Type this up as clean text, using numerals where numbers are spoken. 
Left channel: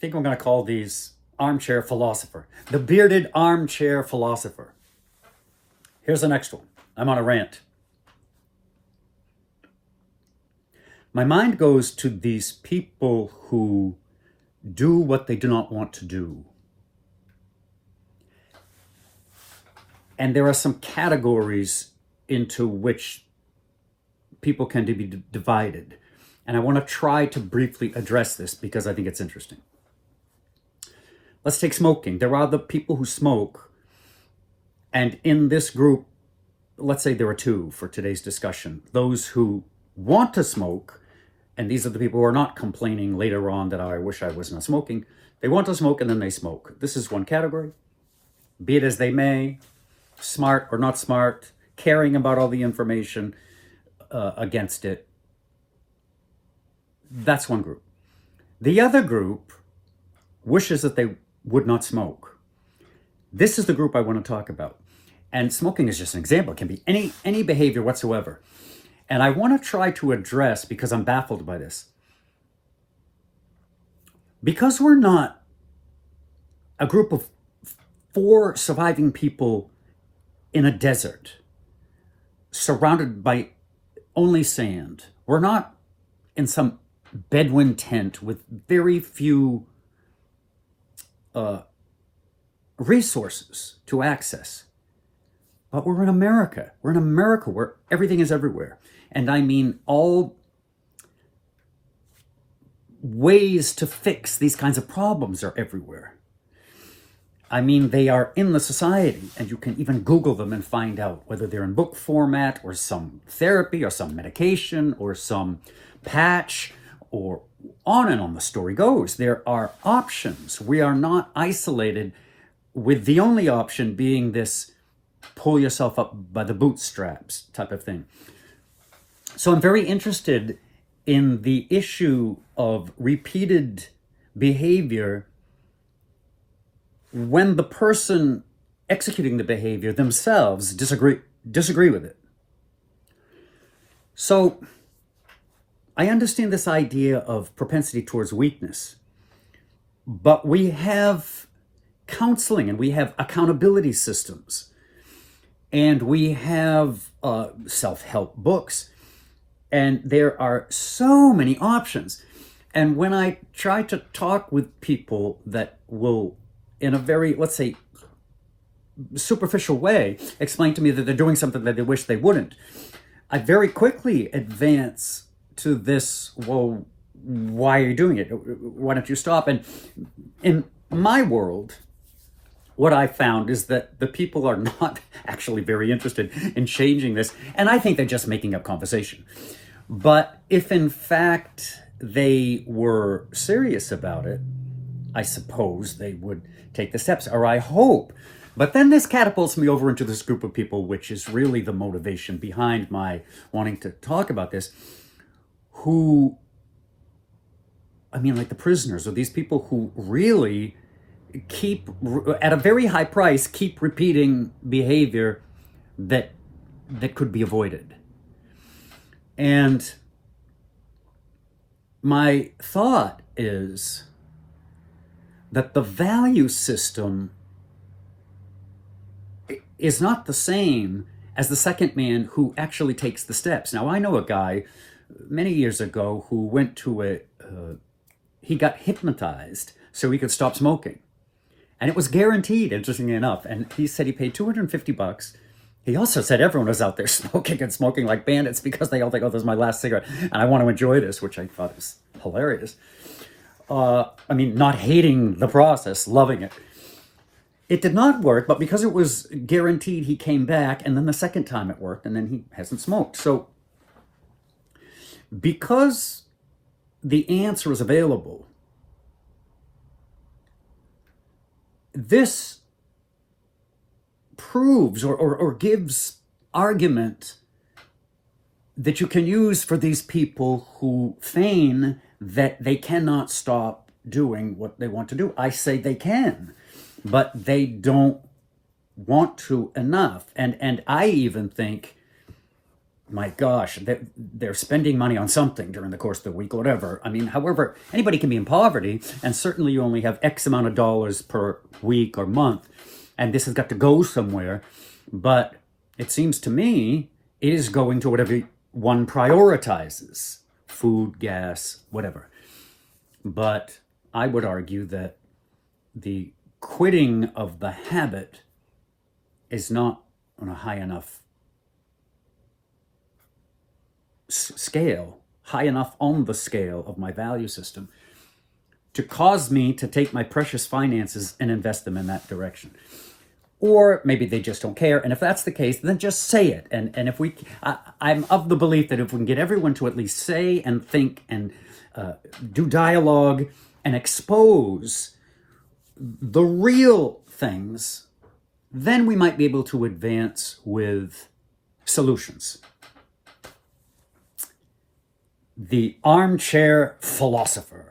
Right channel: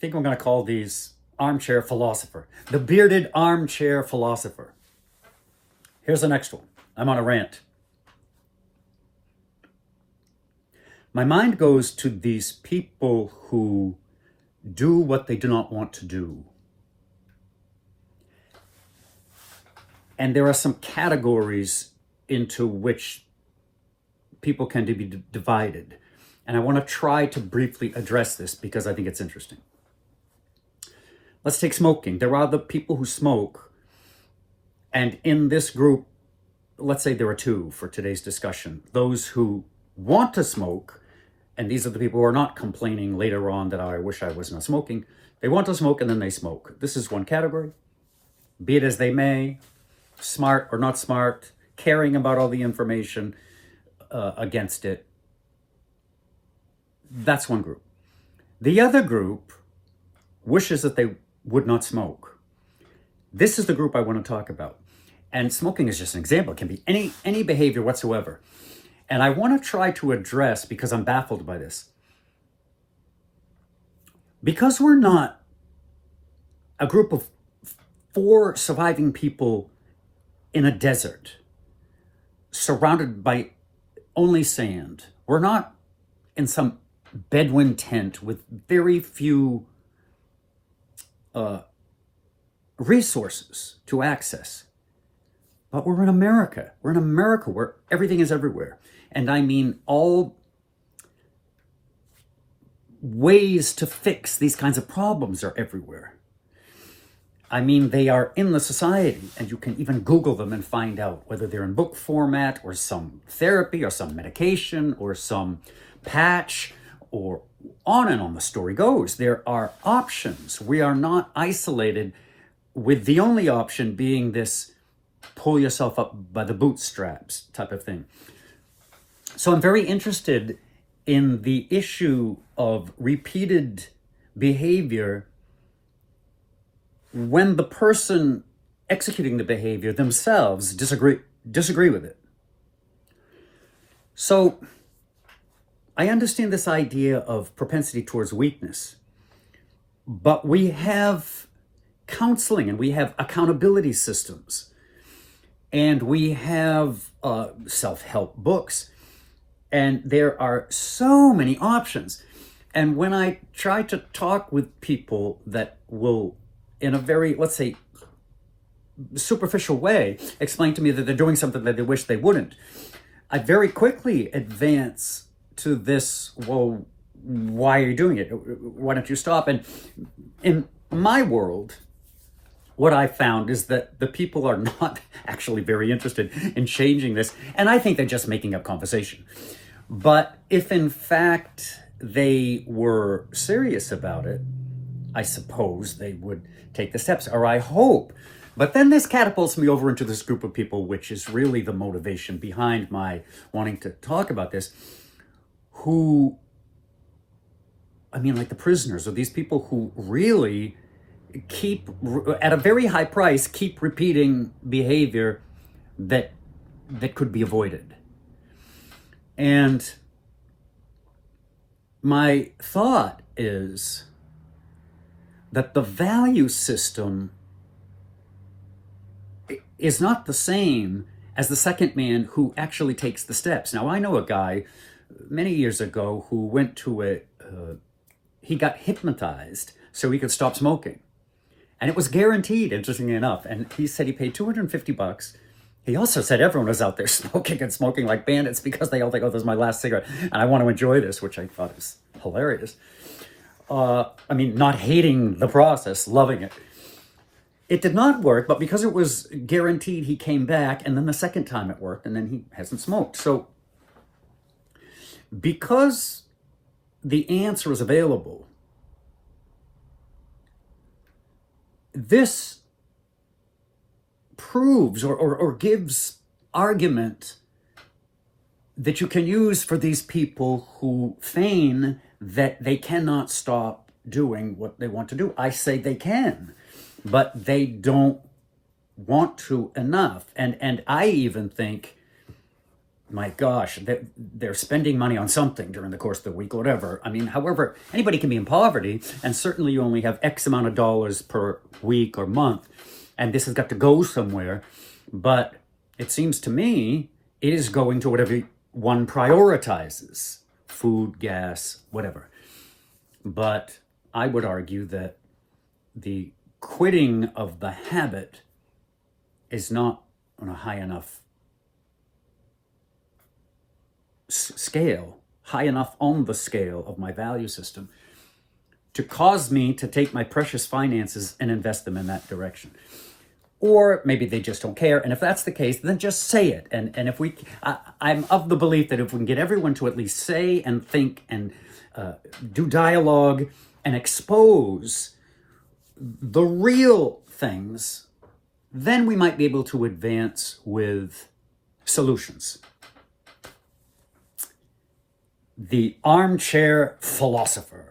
think I'm going to call these armchair philosopher. The bearded armchair philosopher. Here's the next one. I'm on a rant. My mind goes to these people who do what they do not want to do. And there are some categories into which people can be divided. And I want to try to briefly address this because I think it's interesting. Let's take smoking. There are the people who smoke. And in this group, let's say there are two for today's discussion. Those who want to smoke, and these are the people who are not complaining later on that I wish I was not smoking. They want to smoke and then they smoke. This is one category. Be it as they may, smart or not smart, caring about all the information against it. That's one group. The other group wishes that they would not smoke. This is the group I want to talk about. And smoking is just an example. It can be any behavior whatsoever. And I want to try to address, because I'm baffled by this. Because we're not a group of 4 surviving people in a desert, surrounded by only sand. We're not in some Bedouin tent with very few resources to access. But we're in America. We're in America where everything is everywhere. And I mean, all ways to fix these kinds of problems are everywhere. I mean, they are in the society, and you can even Google them and find out whether they're in book format or some therapy or some medication or some patch or on and on the story goes. There are options. We are not isolated, with the only option being this pull yourself up by the bootstraps type of thing. So I'm very interested in the issue of repeated behavior when the person executing the behavior themselves disagree with it. So I understand this idea of propensity towards weakness, but we have counseling and we have accountability systems and we have self-help books, and there are so many options. And when I try to talk with people that will, in a very, let's say, superficial way, explain to me that they're doing something that they wish they wouldn't, I very quickly advance to this, well, why are you doing it? Why don't you stop? And in my world, what I found is that the people are not actually very interested in changing this. And I think they're just making up conversation. But if in fact they were serious about it, I suppose they would take the steps, or I hope. But then this catapults me over into this group of people, which is really the motivation behind my wanting to talk about this, who, I mean, like the prisoners, or these people who really keep, at a very high price, keep repeating behavior that could be avoided. And my thought is that the value system is not the same as the second man who actually takes the steps. Now, I know a guy many years ago who went to he got hypnotized so he could stop smoking. And it was guaranteed, interestingly enough. And he said he paid $250. He also said everyone was out there smoking and smoking like bandits because they all think, oh, this is my last cigarette, and I want to enjoy this, which I thought was hilarious. I mean, not hating the process, loving it. It did not work, but because it was guaranteed, he came back, and then the second time it worked, and then he hasn't smoked. So because the answer is available, this proves or gives argument that you can use for these people who feign that they cannot stop doing what they want to do. I say they can, but they don't want to enough. And I even think my gosh, they're spending money on something during the course of the week, or whatever. I mean, however, anybody can be in poverty, and certainly you only have X amount of dollars per week or month, and this has got to go somewhere. But it seems to me it is going to whatever one prioritizes, food, gas, whatever. But I would argue that the quitting of the habit is not on a high enough scale, high enough on the scale of my value system to cause me to take my precious finances and invest them in that direction. Or maybe they just don't care. And if that's the case, then just say it. And if I'm of the belief that if we can get everyone to at least say and think and do dialogue and expose the real things, then we might be able to advance with solutions. The armchair philosopher.